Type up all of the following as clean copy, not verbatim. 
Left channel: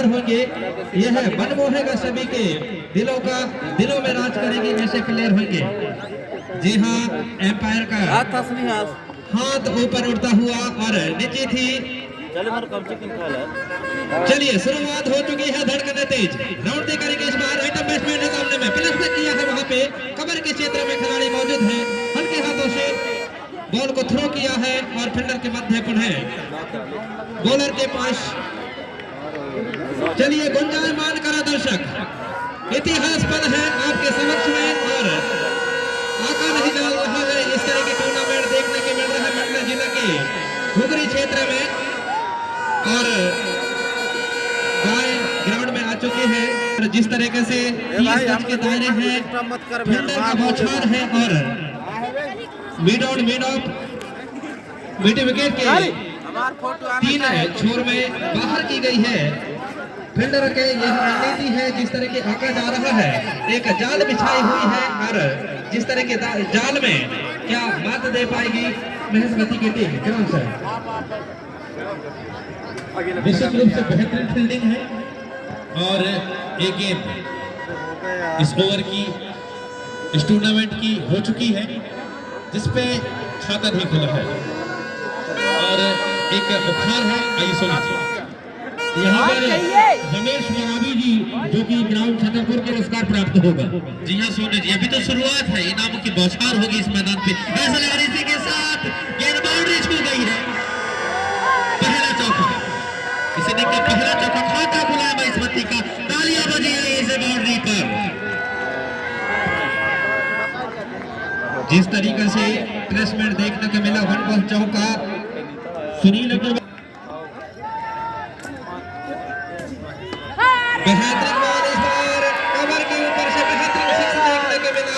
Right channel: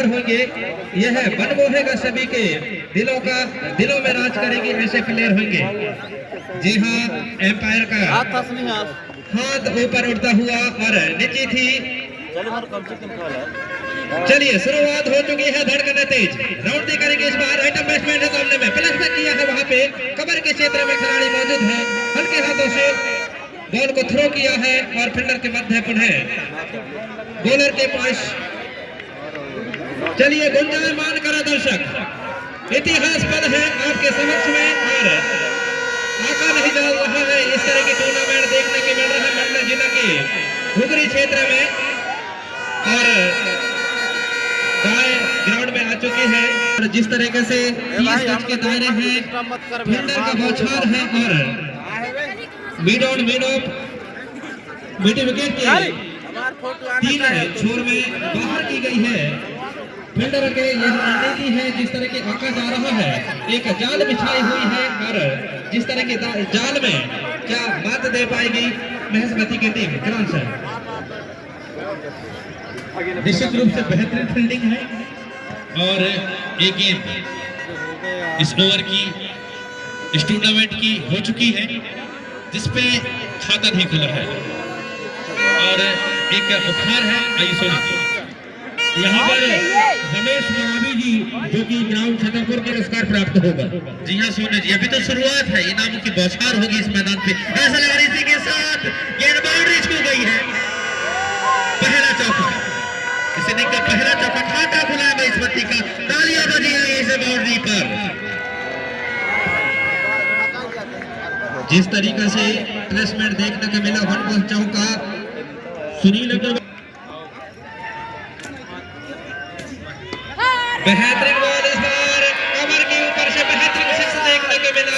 तैयार होंगे। यह मन मोहेगा सभी के दिलों में राज करेगी, ऐसे प्लेयर होंगे। जी हाँ, एम्पायर का हाथ ऊपर उठता हुआ और नीचे थी। चलिए शुरुआत हो चुकी है, धड़कन तेज, राउंड करेंगे इस बार। आइटम बैट्समैन है सामने में, प्लेस पे किया है वहां पे, कमर के क्षेत्र में खिलाड़ी मौजूद है। हल्के हाथों से बॉल को थ्रो किया है और फील्डर के मध्य पुनः बॉलर के पास। चलिए गुंजायमान करा दर्शक, इतिहास पद है आपके समक्ष में और आका नहीं जा रहा है। इस तरह के टूर्नामेंट देखने के मिल रहे हैं पटना जिला के घुघरी क्षेत्र में और ग्राउंड में आ चुके हैं। जिस तरीके से 30 गज के दायरे हैं, फील्डर का बौछार है और mid on mid of mid wicket के 3 छोर में बाहर की गई है। फील्डर के यह रणनीति है, जिस तरह के आका जा रहा है, एक जाल बिछाई हुई है और जिस तरह के जाल में क्या मात दे पाएगी महेशमती की टीम। कौन सा निश्चित रूप से बेहतरीन फील्डिंग है और एक गेंद इस ओवर की इस टूर्नामेंट की हो चुकी है, जिसपे खाता नहीं खुला है और एक उपहार है। आइए सुनिए, यहाँ पर रमेश मरावी जी जो कि ग्राउंड छतरपुर के पुरस्कार प्राप्त होगा। जी हाँ सोने जी, अभी तो शुरुआत है, इनामों की बौछार होगी इस मैदान पे। ऐसा लग रहा है इसी के साथ गेंद बाउंड्री छू गई है। पहला चौका, इसे देखकर पहला चौका, खाता खुला है महेशमती का। तालियां बजी है इस बाउंड्री पर। जिस तरीके से प्लेसमेंट देखने को मिला, 1 बॉल चौका सुनील अग्रवाल, बेहतरीन बॉल इस बार कवर के ऊपर से बेहतरीन सिक्स देखने को मिला।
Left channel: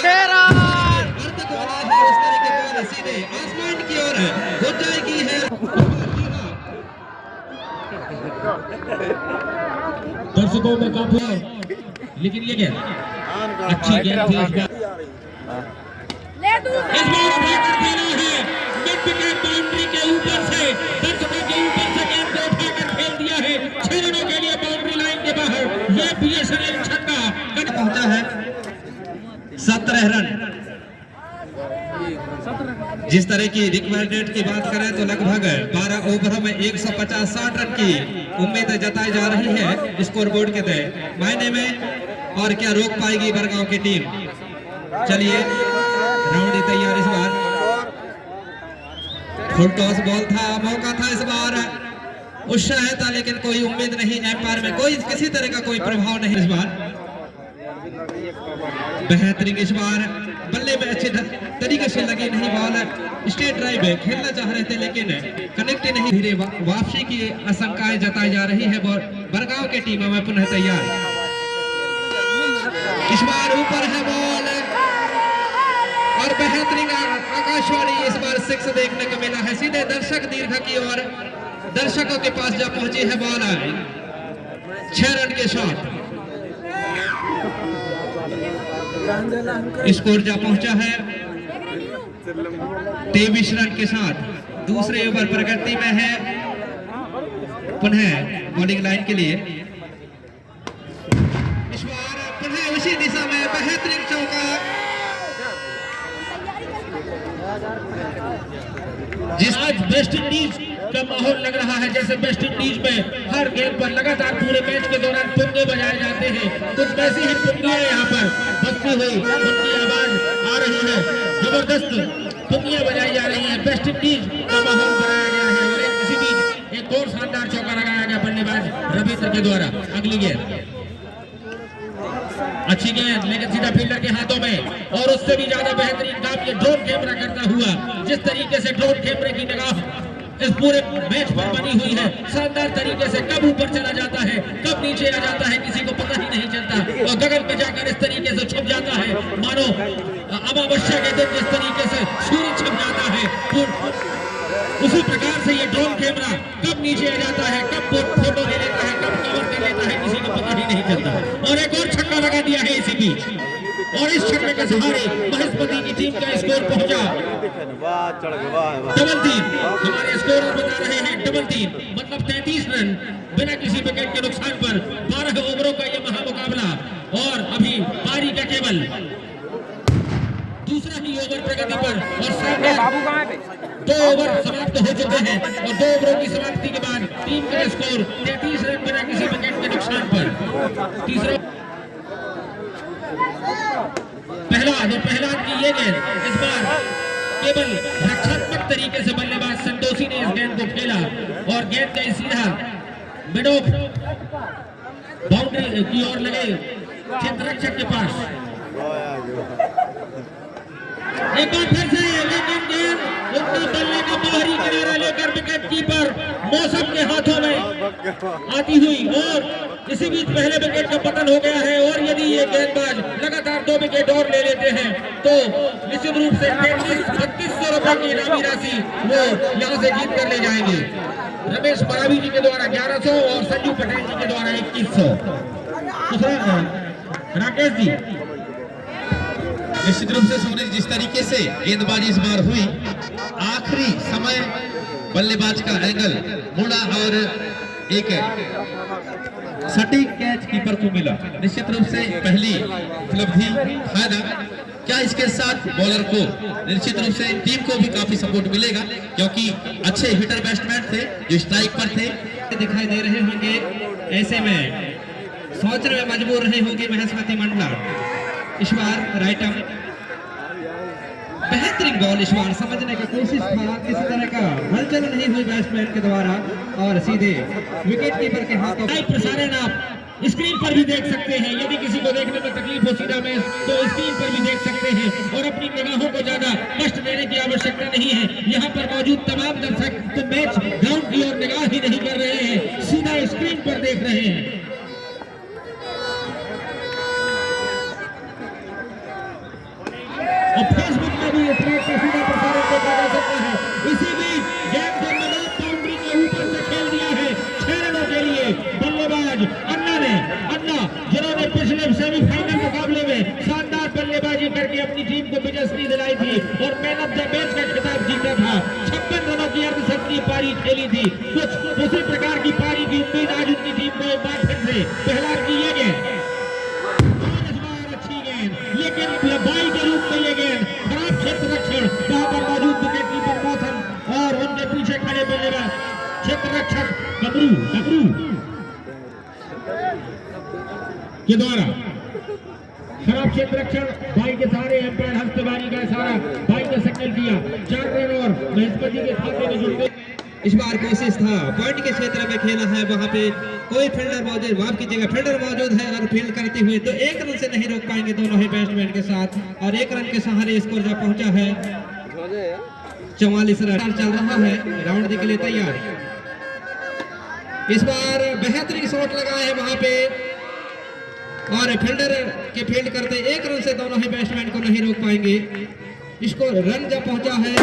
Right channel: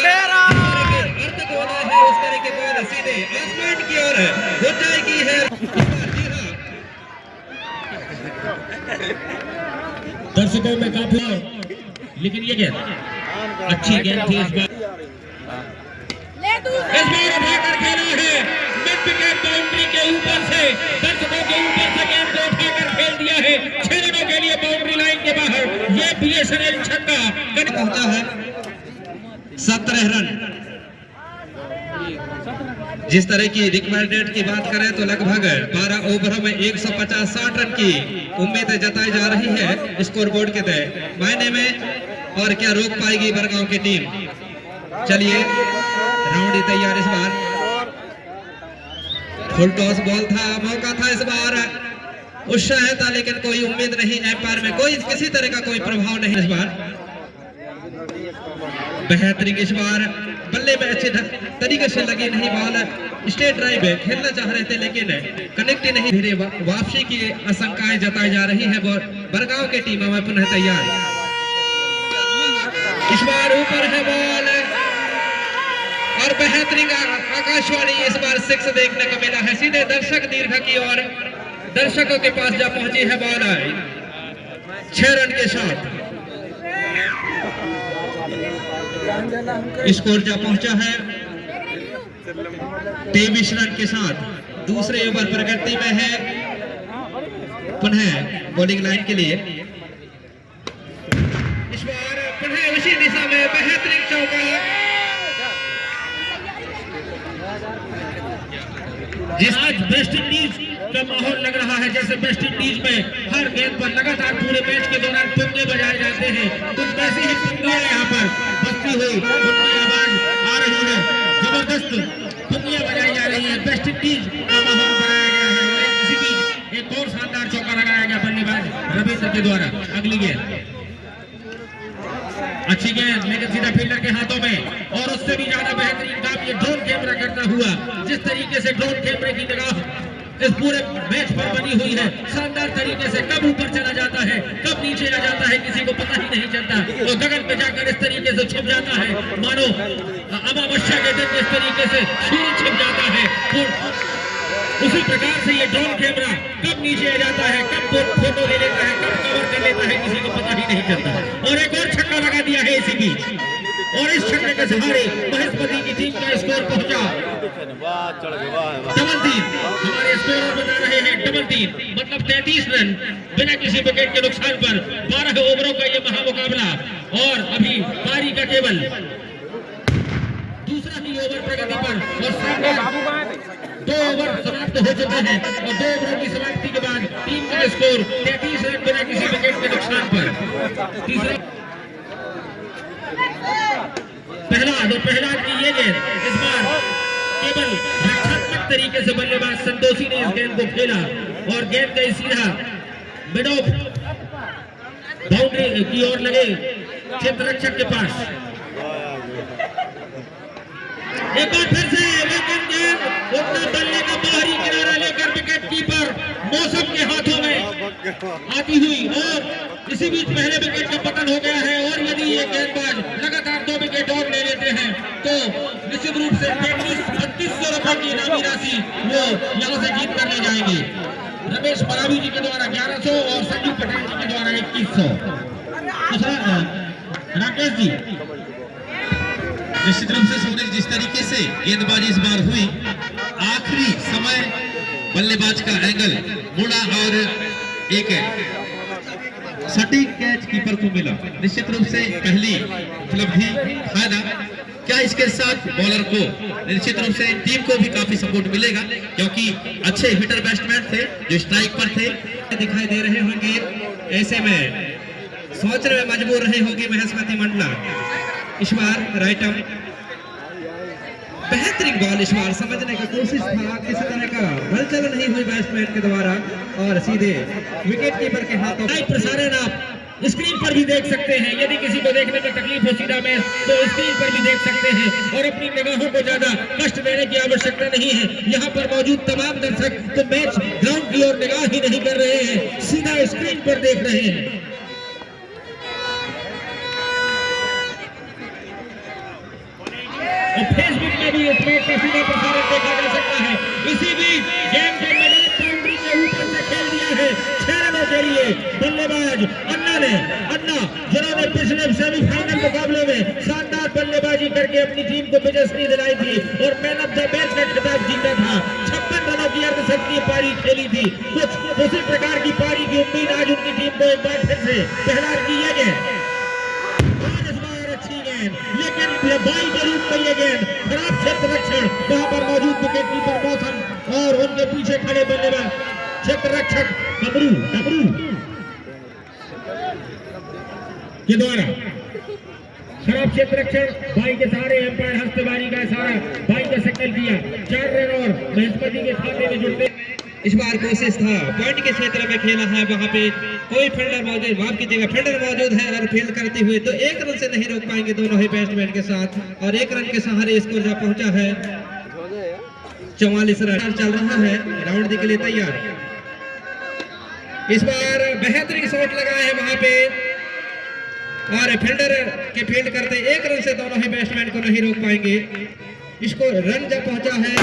उस तरह के बॉल सीधे आसमान की ओर हो जाएगी है। दर्शकों में काफी, लेकिन ये गेंद अच्छी गेंद थी इस बार। इस बार उठाकर खेली है मिड विकेट बाउंड्री के ऊपर से, दर्शकों के ऊपर से गेंद को उठाकर खेल दिया है 6 रनों के लिए बाउंड्री लाइन के बाहर। ये बीएसएनएल छक्का पहुंचा है 17 रन। जिस तरह की रिक्वायर्ड रेट की बात करें तो लगभग 12 ओवरों में 150-60 रन की उम्मीद जताई जा रही है स्कोर बोर्ड के तहत मायने में। और क्या रोक पाएगी बरगांव की टीम। चलिए राउंड तैयार। इस बार फुल टॉस बॉल था, मौका था इस बार, उत्साह था लेकिन कोई उम्मीद नहीं, एम्पायर में कोई किसी तरह का कोई प्रभाव नहीं। इस बार बेहतरीन, इस बार बल्ले में अच्छे तरीके से लगी नहीं बॉल, स्ट्रेट ड्राइव है, खेलना चाह रहे थे लेकिन कनेक्ट नहीं। धीरे वापसी की आशंकाएं जताई जा रही है। बरगांव की टीम में पुनः तैयार। इस बार ऊपर है बॉल और बेहतरीन आकाशवाणी इस बार 6 देखने को मिला है, सीधे दर्शक दीर्घ की ओर दर्शकों के पास जा पहुंची है बॉल 6 रन के साथ। स्कोर जा पहुंचा है 23 रन के साथ। दूसरे ओवर प्रगति में है पुनः बॉलिंग लाइन के लिए। इस बार पुनः उसी दिशा में बेहतरीन चौका, जिसमें वेस्ट इंडीज का माहौल लग रहा है जैसे वेस्ट इंडीज में हर गेंद पर लगातार पूरे मैच के दौरान पुंगे बजाए जाते हैं, कुछ ऐसी ही पुंगे यहाँ पर बजती हुई उनकी आवाज आ रही है, जबरदस्त पुंगियां बजाई जा रही है। वेस्ट इंडीज का माहौल बनाया गया है और इसी बीच एक और शानदार चौका लगाया गया बल्लेबाज रविंद्र के द्वारा। अगली गेंद अच्छी गेंद लेकिन सीधा फील्डर के हाथों में, और उससे भी ज्यादा बेहतरीन काम ये ड्रोन कैमरा करता हुआ, जिस तरीके से ड्रोन कैमरे की निगाह इस पूरे मैच पर बनी हुई है, शानदार तरीके से कब ऊपर चला जाता है कब नीचे आ जाता है किसी को पता ही नहीं चलता, और गगन में जाकर इस तरीके से छिप जाता है मानो अमावस्या के दिन इस तरीके से सूर्य छिप जाता है। उसी प्रकार से ये ड्रोन कैमरा कब नीचे आ जाता है, कब फोटो ले लेता है, कब कवर कर लेता है, किसी को पता ही नहीं चलता। और एक और छक्का लगा दिया है इसी बीच। और इस छक्के के सहारे महेशपति की टीम का स्कोर पहुंचा डबल 3। हमारे स्कोर बता रहे हैं डबल 3, मतलब 33 रन बिना किसी विकेट के नुकसान पर 12 ओवरों का यह महामुकाबला। और अभी पारी का केवल दूसरा ही ओवर प्रगति पर और सामने 2 ओवर समाप्त हो चुके हैं और 2 ओवरों की समाप्ति के बाद टीम का स्कोर 33 रन बिना किसी विकेट के नुकसान पर। तीसरा पहला की ये गेंद इस बार केवल रक्षात्मक तरीके से बल्लेबाज संतोषी ने इस गेंद को खेला और गेंद गई सीधा मिड ऑफ बाउंड्री की ओर लगे क्षेत्र रक्षक के पास। एक बार फिर से लेकिन गेंद उतना बल्ले का बाहरी किनारा लेकर विकेट कीपर मौसम के हाथों में आती हुई और इसी बीच पहले विकेट का पतन हो गया है। और यदि ये गेंदबाज लगातार 2 विकेट और ले लेते हैं तो निश्चित रूप से 3200 रुपए की इनामी राशि वो यहाँ से जीत कर ले जाएंगे। रमेश परावी जी के द्वारा 1100 और संजू पटेल जी के द्वारा 2100। राकेश जी, निश्चित रूप से सोने जिस तरीके से गेंदबाजी इस बार हुई, आखिरी समय बल्लेबाज का एंगल मुड़ा और एक सटीक कैच कीपर को मिला, निश्चित रूप से पहली उपलब्धि फायदा। क्या इसके साथ बॉलर को निश्चित रूप से टीम को भी काफी सपोर्ट मिलेगा, क्योंकि अच्छे हिटर बैट्समैन थे जो स्ट्राइक पर थे दिखाई दे रहे होंगे। ऐसे में सोचने में मजबूर रहे होंगे महेशपति मंडला। इस बार राइट आर्म बेहतरीन बॉल इस बार समझने की कोशिश था, किसी तरह का हलचल नहीं हुई बैट्समैन के द्वारा और सीधे विकेट कीपर के हाथों। प्रसारण आप स्क्रीन पर भी देख सकते हैं, यदि किसी को देखने में तकलीफ हो सीधा मैच तो स्क्रीन पर भी देख सकते हैं और अपनी निगाहों को ज्यादा कष्ट देने की आवश्यकता नहीं है। यहाँ पर मौजूद तमाम दर्शक तो मैच ग्राउंड की ओर निगाह ही नहीं कर रहे हैं, सीधा स्क्रीन पर देख रहे हैं। और फेसबुक में भी इस मैच का सीधा प्रसारण देखा जा सकता है। इसी बीच गेंद को मैदान बाउंड्री के ऊपर से खेल दिया है 6 रनों के लिए बल्लेबाज अन्ना जिन्होंने पिछले सेमीफाइनल मुकाबले में शानदार बल्लेबाजी करके अपनी टीम को विजयश्री दिलाई थी और मैन ऑफ द मैच का खिताब जीता था। 56 रनों की अर्धशतकीय पारी खेली थी। कुछ उसी प्रकार की पारी की उम्मीद आज उनकी टीम को एक बार फिर से पहला की ये गेंद अच्छी गेंद, लेकिन बाई के रूप में ये गेंद खराब क्षेत्र रक्षण वहां पर मौजूद विकेट कीपर मौसम और उनके पीछे खड़े बल्लेबाज क्षेत्र रक्षक डबरू के द्वारा खराब क्षेत्र रक्षण बाई के सहारे एम्पायर हस्तबारी का इशारा बाई का सिग्नल किया। 4 रन और महेशपति के खाते में जुड़ते। इस बार कोशिश था पॉइंट के क्षेत्र में खेला है, वहां पे कोई फील्डर मौजूद, माफ कीजिएगा फील्डर मौजूद है और फील्ड करते हुए तो 1 रन से नहीं रोक पाएंगे दोनों ही बैट्समैन के साथ और 1 रन के सहारे स्कोर जा पहुंचा है 44 रन चल रहा है। राउंड के लिए तैयार। इस बार बेहतरीन शॉट लगाए हैं वहां पे और फील्डर के फील्ड करते 1 रन से दोनों ही बैट्समैन को नहीं रोक पाएंगे। इसको रन जा पहुंचा है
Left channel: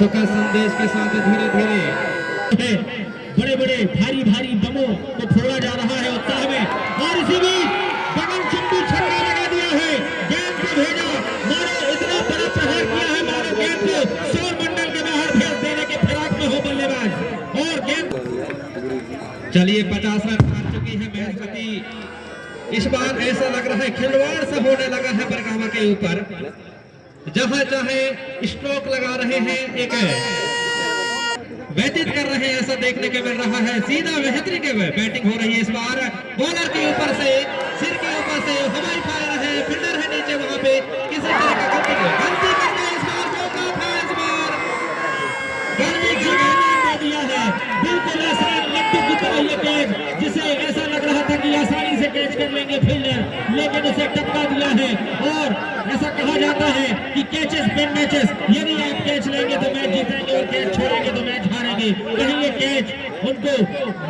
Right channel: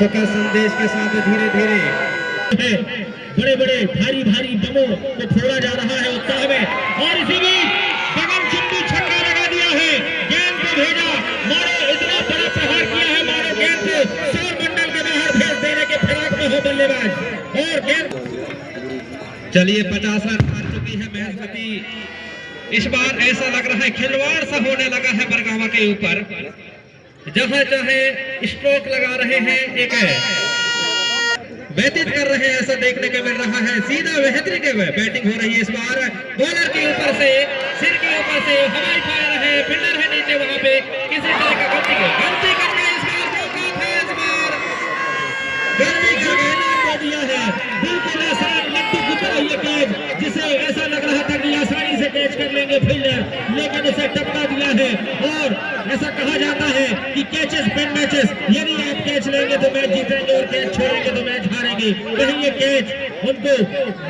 सुखा संदेश के साथ धीरे धीरे बड़े बड़े भारी भारी बमों को फोड़ा जा रहा है उत्साह में और इसी बीच गगन चुंबी छक्का लगा दिया है। गेंद को भेजा मारो, इतना बड़ा प्रहार किया है मारो गेंद को सौर मंडल के बाहर भेज देने के फिराक में हो बल्लेबाज और गेंद। चलिए 50 रन मार चुकी है महेशपति। इस बार ऐसा लग रहा है खिलवाड़ सा होने लगा है बरगामा के ऊपर, जहां चाहे स्ट्रोक लगा रहे हैं, एक व्यतीत कर रहे हैं, ऐसा देखने को मिल रहा है। सीधा बेहतरीन बैटिंग हो रही है इस बार बॉलर के ऊपर से, सिर के ऊपर से हवाई फायर है, फील्डर है नीचे, वहां पे किसी तरह का गलती करके इस बार मौका था, इस बार गलती दे दिया है। बिल्कुल आसान लट्टू की तरह ये कैच, जिसे ऐसा लग रहा था कि आसानी से कैच कर लेंगे फील्डर, लेकिन उसे टपका दिया है। और ऐसा कहा जाता है कि कैचेस विन मैचेस, यदि आप कैच लेंगे तो मैच जीतेंगे और कैच छोड़ेंगे तो मैच हारेंगे। कहीं ये कैच उनको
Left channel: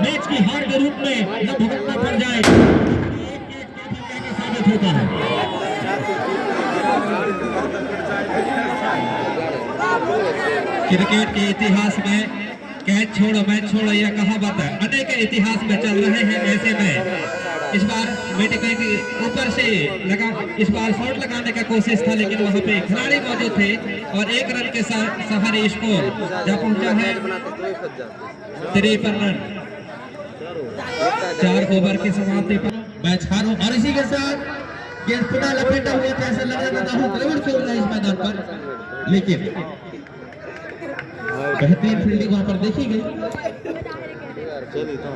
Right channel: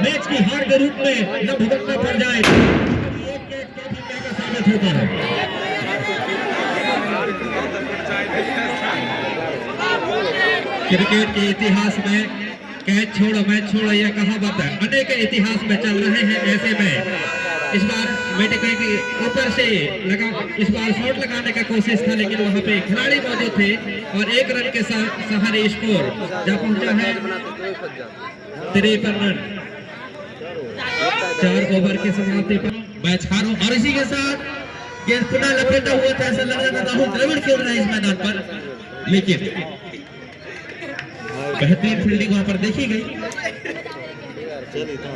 मैच की हार के रूप में न भुगतना पड़ जाए, एक कैच काफी महंगा साबित होता है। क्रिकेट के इतिहास में कैच छोड़ो मैच छोड़ो यह कहावत अनेक इतिहास में चल रहे हैं। ऐसे में इस बार मेडिकल के ऊपर से लगा, इस बार शॉट लगाने का कोशिश था, लेकिन वहां पे खिलाड़ी मौजूद थे और 1 रन के साथ सहारे स्कोर जहाँ पहुंचा है 53 रन। 4 ओवर की समाप्ति पर मैच हारो और इसी के साथ गेंद पुनः लपेटा हुआ था। ऐसा लग रहा था राहुल द्रविड़ खेल रहा है इस मैदान पर, लेकिन बेहतरीन फील्डिंग वहां पर देखी गई।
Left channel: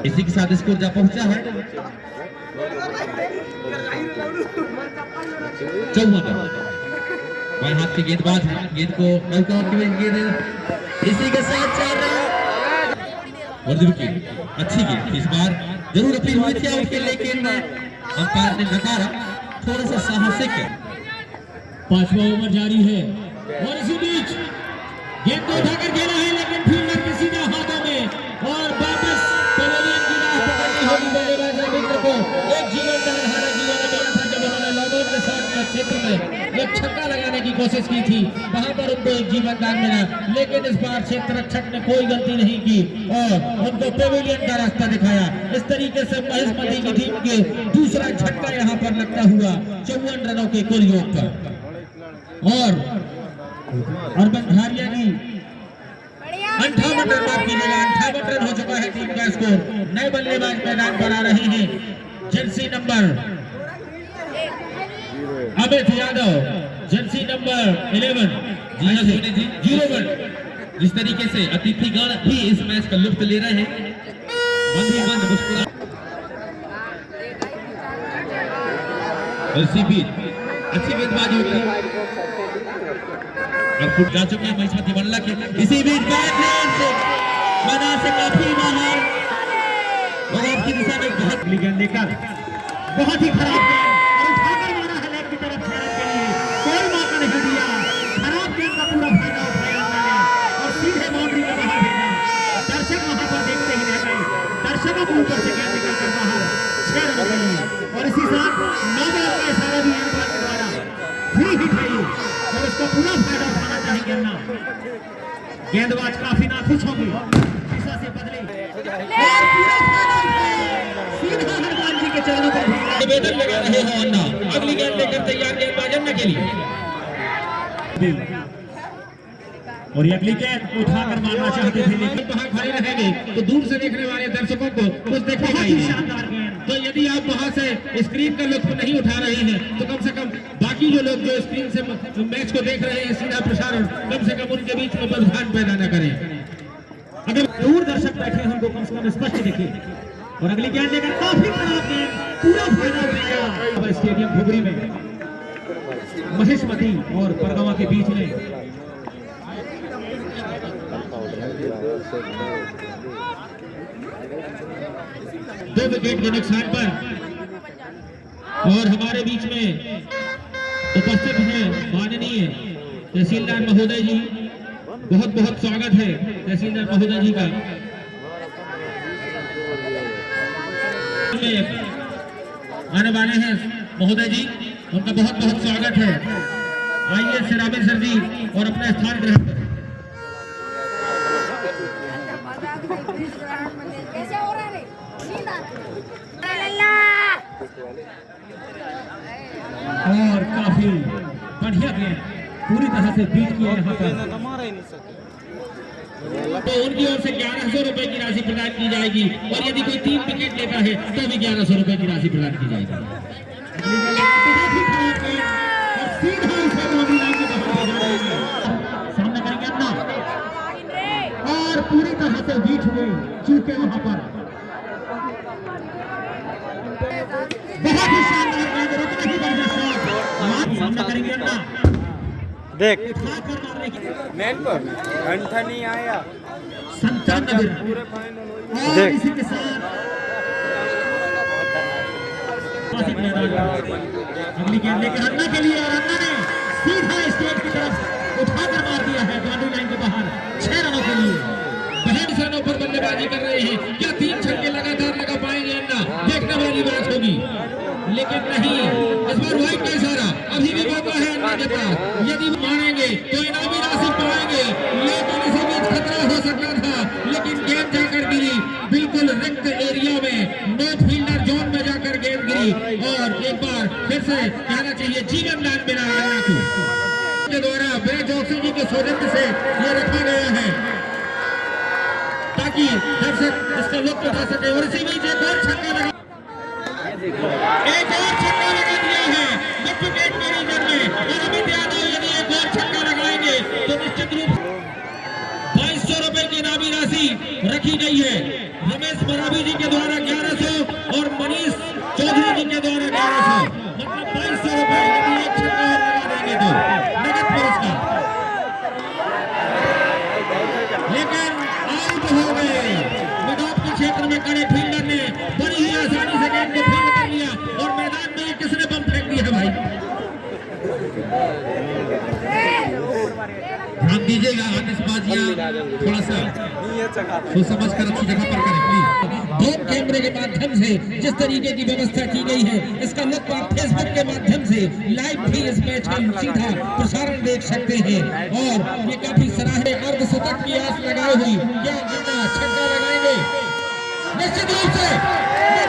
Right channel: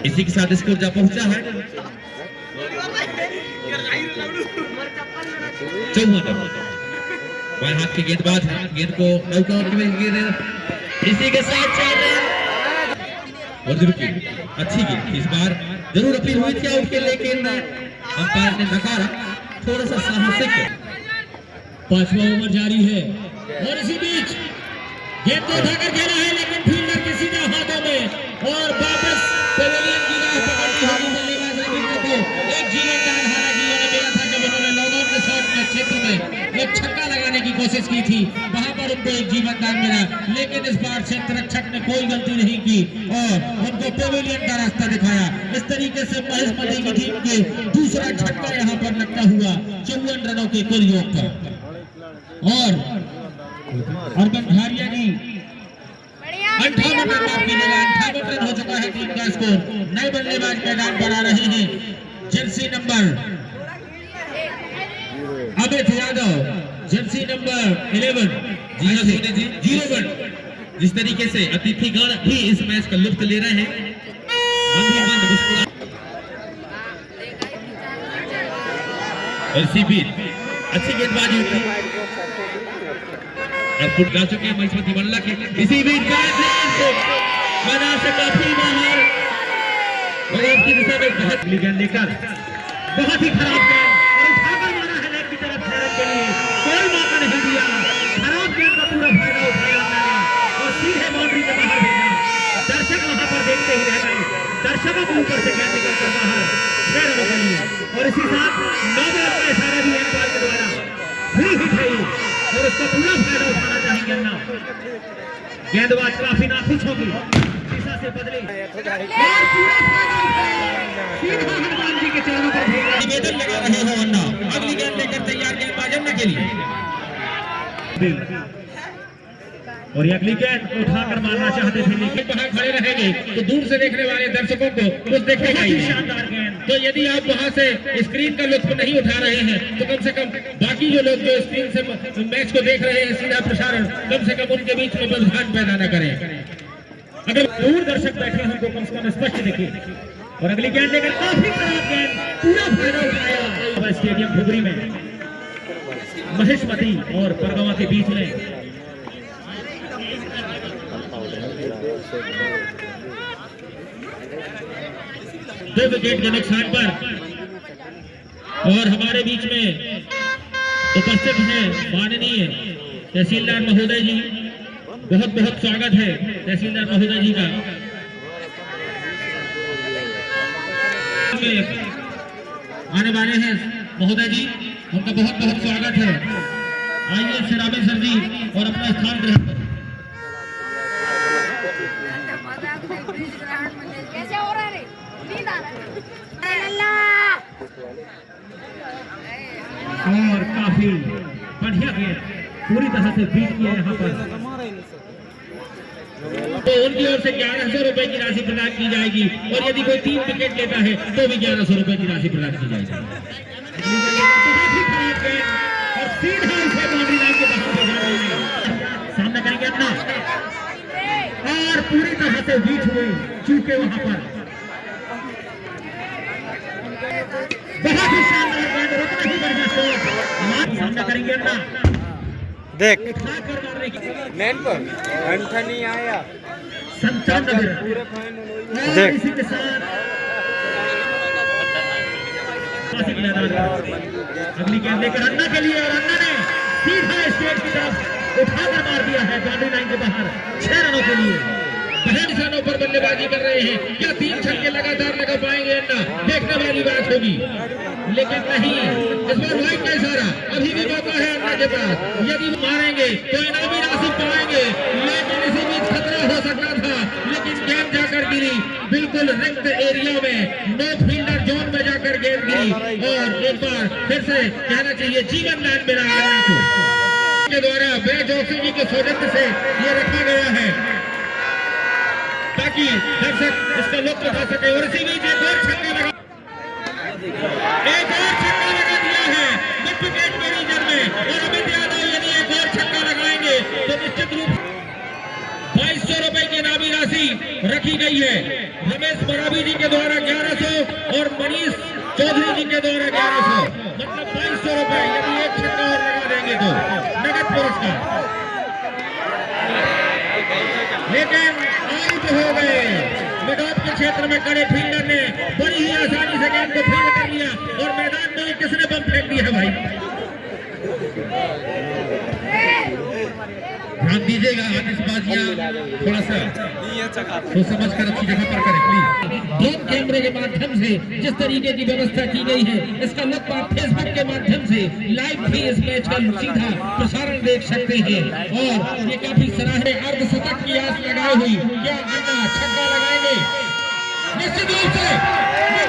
इसी के साथ स्कोर जा पहुंचा है 54। बाएं हाथ के गेंदबाज है, गेंद को नौकाओं की गेंद इसी के साथ 4 रन और अच्छी गेंद। इस बार जरूर अपनी हुई थी आउट के, लेकिन अंपायर ने नकारा। थोड़ा सा साहसिक है। 5वां ओवर जारी है और इसी बीच गेंद को उठाकर खेला है, लेकिन फील्डर के सीधे हाथों में और वापस पेविलियन की राह पर बल्लेबाज ने गेंद को एक जीवनदार हारा किया था जब उन्होंने लॉकआउट के शॉट के क्षेत्र में एक छक्का लगाने की कोशिश की थी, वहां पर उनको एक जीवनदान मिला। लेकिन इस बार क्षेत्र रक्षक ने कोई गलती नहीं की और उनको पेविलियन का रास्ता दिखाया। इस तरीके से महेश की टीम के दूसरा छक्का यहाँ पर लगता हुआ 54 रनों के कुल योग पर। और अर्बन झारिया ने 58 रन मार कीजिएगा, 58 रन हो चुका है टीम का स्कोर। नए बल्लेबाज मैदान पर आ रहे हैं। Jersey number Amit Yadav, Jersey number 11 01। जिस तरीके से अतिथिगण भी इस मैच का लुत्फ ले रहे हैं, अच्छी गेंदबाजी और फुट जा चुके हैं महिष्मती मल्ला के। इसी बीच मैदान से काफी बाहर की दिशा में गेंद लेकर बहुत ही खराब गेंद मारा है लेग की तरफ के लिए, कोई मौका नहीं दिया। खराब गेंद का पूरा फायदा उठाया और सीधे बाउंड्री के बाहर भेजा। दर्शक वहां पर देखते ही रह गए। दर्शकों को ऊपर से गेंद निकल कर बाहर 6 रन के लिए और इसी साथ नोबेल का इशारा भी एम्पायर के द्वारा फ्री हिट है और इसका पूरा फायदा उठाना चाहिए ना। गेंदबाज काफी नाखुश होगी, दिशा से बदली और पूरा फायदा उठाया। सीधा हनुमान जी के चारों पर निवेदन लगा रहे हैं अन्ना, अगली गेंद लेकर तैयार गेंदबाज अन्ना के लिए। और ये अगली गेंद उठाकर मारना चाहते थे, लेकिन वहां खड़े रहेंगे तो दूर से देखने वाले दर्शकों को कुछ देखेगा ही नहीं। तो यदि आप वहां से स्क्रीन का लुत्फ नहीं उठा रहे हैं तो कम से कम बाकी जो लोग जो स्क्रीन से मैच को देख रहे हैं सीधा प्रसारण, कम से कम उनके बीच में व्यवधान पैदा न करें। अगर दूर दर्शक बैठे हैं उनको कम से कम स्पष्ट देखिए। और अगली गेंद लेकर काफी खराब गेंद, पूरा फायदा उठाया स्टेडियम फुगरी में महिष्मती और परगवा के बीच में। दो विकेट के नुकसान पर और हमारे बीच में उपस्थित हैं माननीय तहसीलदार महोदय जी। बहुत बहुत स्वागत है तहसीलदार महोदय जी का। आने वाले हैं महोदय जी, उनका बहुत बहुत स्वागत है। आइए सिराबिल सर जी और अपना स्थान ग्रहण करें। और काफी बढ़िया गेंद पूरी तरह से बीट किया यहाँ पर। तो उनकी ओर से 1100 रुपए की राशि प्रदान की जाएगी और यदि कोई 3 विकेट लेता है तो भी 1100 रुपए की राशि प्रदान की जाएगी। और सीधा इसे बाउंड्री लाइन के बाहर सामने करेंगे अपना और पूरी तरह से बीट हुए चूके वहां पर। बहुत ही शानदार गेंद, रुकने की बढ़िया शॉट सामने करेंगे अपना। देख नेट पर अंठा नहीं आया 97 देख इसी के साथ अगली गेंद लेकर अन्ना के लिए और अन्ना ने सीधा स्टेट की तरफ उठाकर मार दिया है बाउंड्री लाइन के बाहर 6 रनों के लिए। 62 रनों पर बल्लेबाजी कर रहे हैं। क्या 3 छक्के लगातार लगा पाएंगे अन्ना? देखने वाली बात होगी, लेकिन नहीं, इस बार वाइड का इशारा अभी भी मौका है अन्ना के पास। यदि मारेंगे तो इनामी राशि पाएंगे, लेकिन इसी बीच खतरा हो सकता था, लेकिन गेंद जाकर गिरी बिल्कुल रिक्त डेप्थ एरिया में नो फील्डर जोन में जाकर गेंद गिरी और एक बार फिर से कहना चाहिए जीवन दान मिला अन्ना को के द्वारा बे जोशी जी के सौजन्य से ये रखा गया है ताकि दर्शक उसका लुत्फ उठा सके। और इसी बीच एक और छक्का लगा दिया है मिड विकेट के रीजन में और अमित यादव यदि एक और छक्का लगाएंगे तो निश्चित रूप 2200 रुपए की इनामी राशि रखी गई है। रमेश मरावी जी के द्वारा 1100 और मनीष चौधरी जी के द्वारा 1100 मतलब 2200 रुपए यदि एक छक्का और लगा देंगे तो नगद पुरस्कार। लेकिन आउट हो गए मिड ऑफ के क्षेत्र में खड़े फील्डर ने बड़ी ही आसानी से गेंद को फील्ड कर लिया और मैदान में किसने बम फेंक दिया है भाई। ध्यान दीजिएगा आतिशबाजियां थोड़ा सा सोच समझ कर अच्छी जगह पर करें प्लीज। ड्रोन कैमरे के माध्यम से जिस तरीके की व्यवस्था की गई है इसका लुत्फ आप फेसबुक के माध्यम से लाइव भी इस मैच का सीधा प्रसारण देख सकते हैं। और ये काफी सराहनीय अर्धशतक की आस लगाई हुई क्या अन्ना छक्का लगाएंगे निश्चित रूप से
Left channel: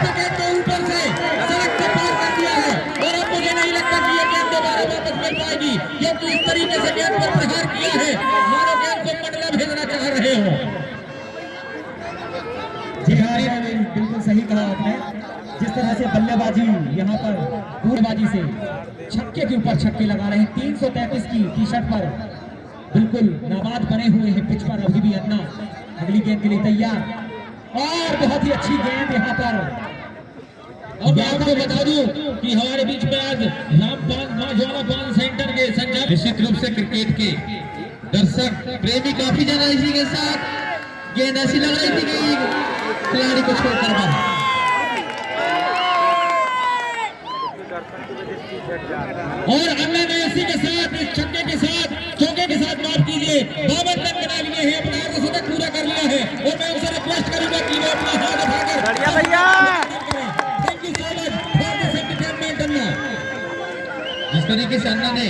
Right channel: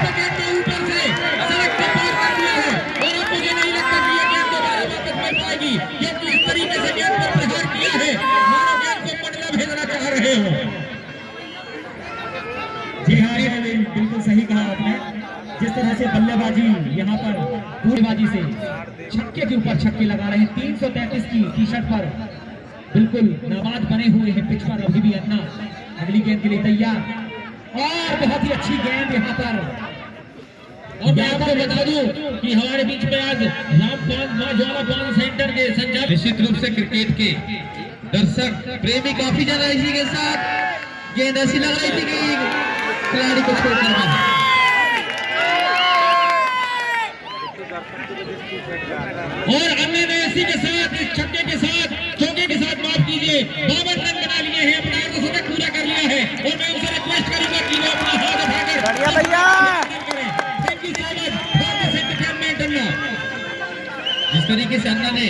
विकेट के ऊपर से सड़क को पार कर दिया है और अब मुझे नहीं लगता कि ये गेंद दोबारा वापस मिल पाएगी क्योंकि इस तरीके से गेंद पर प्रहार किया है मानो गेंद को पटना भेजना चाह रहे हो। जी हाँ बिल्कुल सही कहा आपने। जिस तरह से बल्लेबाजी यहाँ पर बल्लेबाजी से छक्के के ऊपर छक्के लगा रहे हैं 333 की टी शर्ट पर बिल्कुल नाबाद बने हुए हैं पिच पर अभी भी अन्ना अगली गेंद के लिए तैयार और बहुत ही अच्छी गेंद यहाँ पर। और मैं आपको बता दूं कि हमारे बीच में आज ज्वाला पान सेंटर के संचालक निश्चित रूप से क्रिकेट के दर्शक प्रेमी काफी ज्यादा इसी के साथ गेंद ऐसी लगाई थी कि खिलाड़ी को छोड़कर और अन्ना ने इसी के साथ इस छक्के के साथ चौके के साथ माफ कीजिए 52 रन बना लिए हैं अपना अर्धशतक पूरा कर लिया है। और मैं उनसे रिक्वेस्ट करूंगा कि वो अपना हाथ उठाकर thank you so much for this entertainment अन्ना। जिस तरीके से अन्ना ने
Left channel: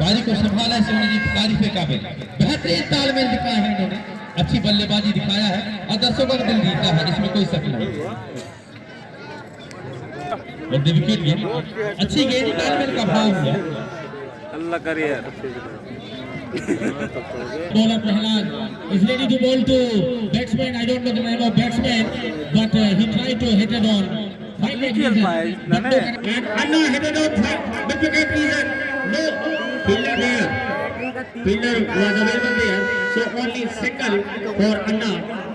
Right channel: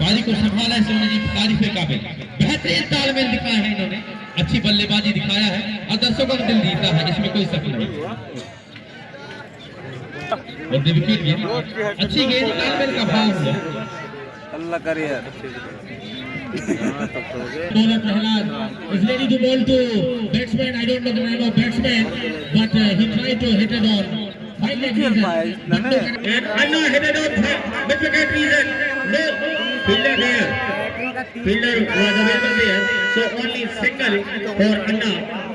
पारी को संभाला है सोनी जी तारीफ के काबिल बेहतरीन तालमेल दिखाया है इन्होंने अच्छी बल्लेबाजी दिखाया है और दर्शकों का दिल जीता है इसमें कोई शक नहीं। विकेट गेंद अच्छी गेंद तालमेल का भाव हुआ अल्लाह करे bowler Prahlad is ready to bowl to batsman. I don't know the name of batsman, but he tried to hit it on fine leg reason. And Anna hit it on mid wicket reason. No fielder there. Fielder was available there, so only single for Anna.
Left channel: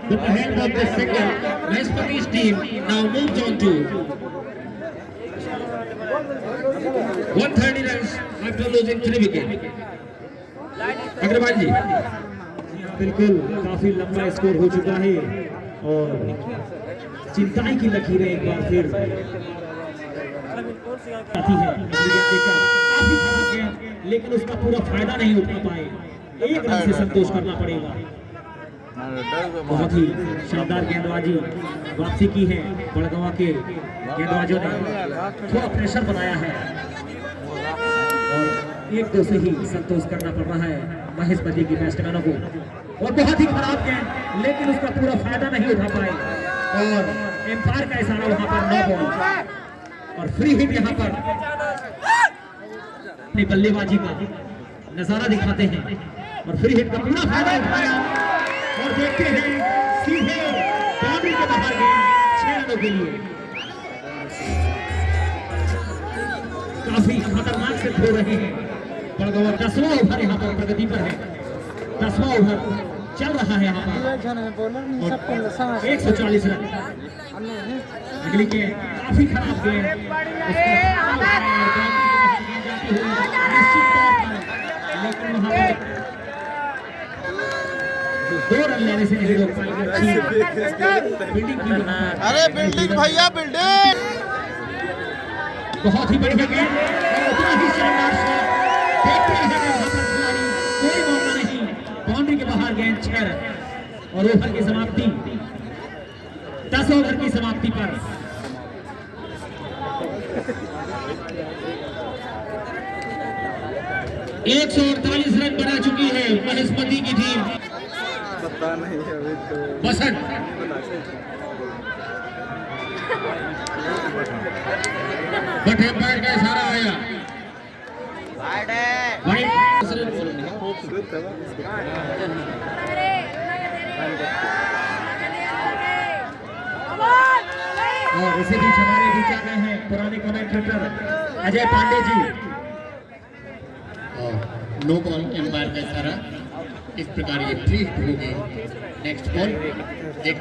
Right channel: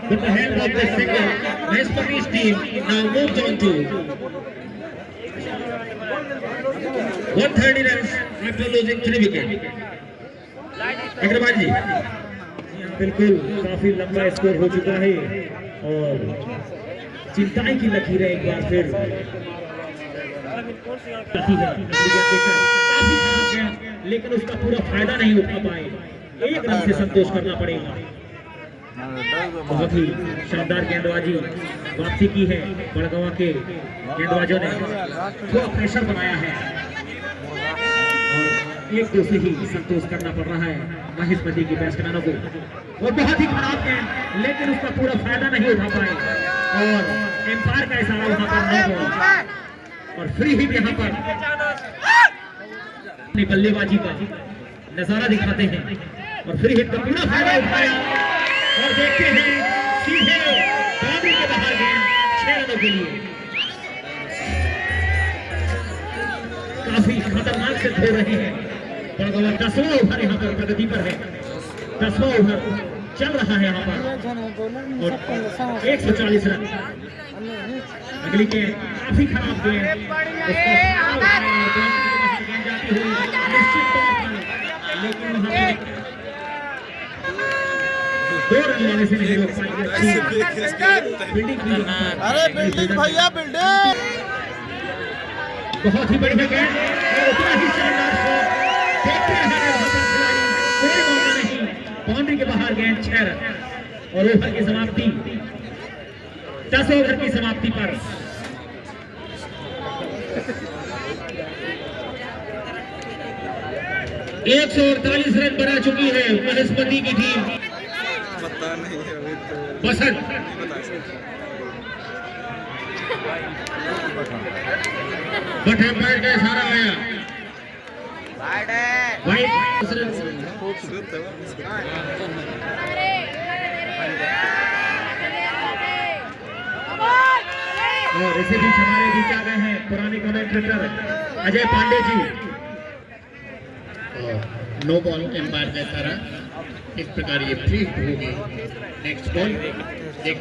With the help of the single, Mahesh team now moves on to 130 runs after losing 3 wickets. Agarwal जी बिल्कुल काफी लंबा score हो चुका है और चिंताएं की लकीरें एक बार फिर आती है काफी खराब है लेकिन उसका पूरा फायदा नहीं उठा पाए। एक रन से संतोष करना पड़ेगा। बहुत ही शानदार गेंदबाजी वापसी की है बड़गवा के गेंदबाजों ने थोड़ा प्रेशर बनाया है और एक दो से ही संतोष करना पड़ रहा है महेशपति की बैट्समैनों को। और बहुत ही खराब गेंद लेकिन उसका पूरा फायदा नहीं उठा पाए और एम्पायर का इशारा यहाँ पर नहीं हुआ और फ्री हिट यहाँ पर अपनी बल्लेबाजी का नजारा दिखाते हैं और फ्री हिट का पूरा फायदा उठाया और देखते हैं सीधे बाउंड्री के बाहर गेंद 6 रनों के लिए काफी खतरनाक से खेल रहे हैं। 10वां ओवर यहाँ पर प्रगति पर है। 10वां ओवर चल रहा है यहाँ पर 140 रन अगली के काफी खराब गेंद लेकिन 2 रन लेने से नहीं रोक पाएंगे। अरे बिल्डिंग भैया बिल्डिंग बहुत ही बढ़िया गेंद उतना ही शानदार शॉट देखते हैं कोई मौका नहीं बाउंड्री के बाहर गेंद 6 रन और ओवर की समाप्ति 10 ओवर की समाप्ति पर 148 रन बना चुकी है महेशपति की टीम। बसंत बट एम्पायर का इशारा आया और इसी बीच हमारे बीच आ गए हैं पुराने commentator Ajay Pandey ji. No ball empire का इशारा, इस प्रकार ये फ्री हिट होगी। नेक्स्ट बॉल एक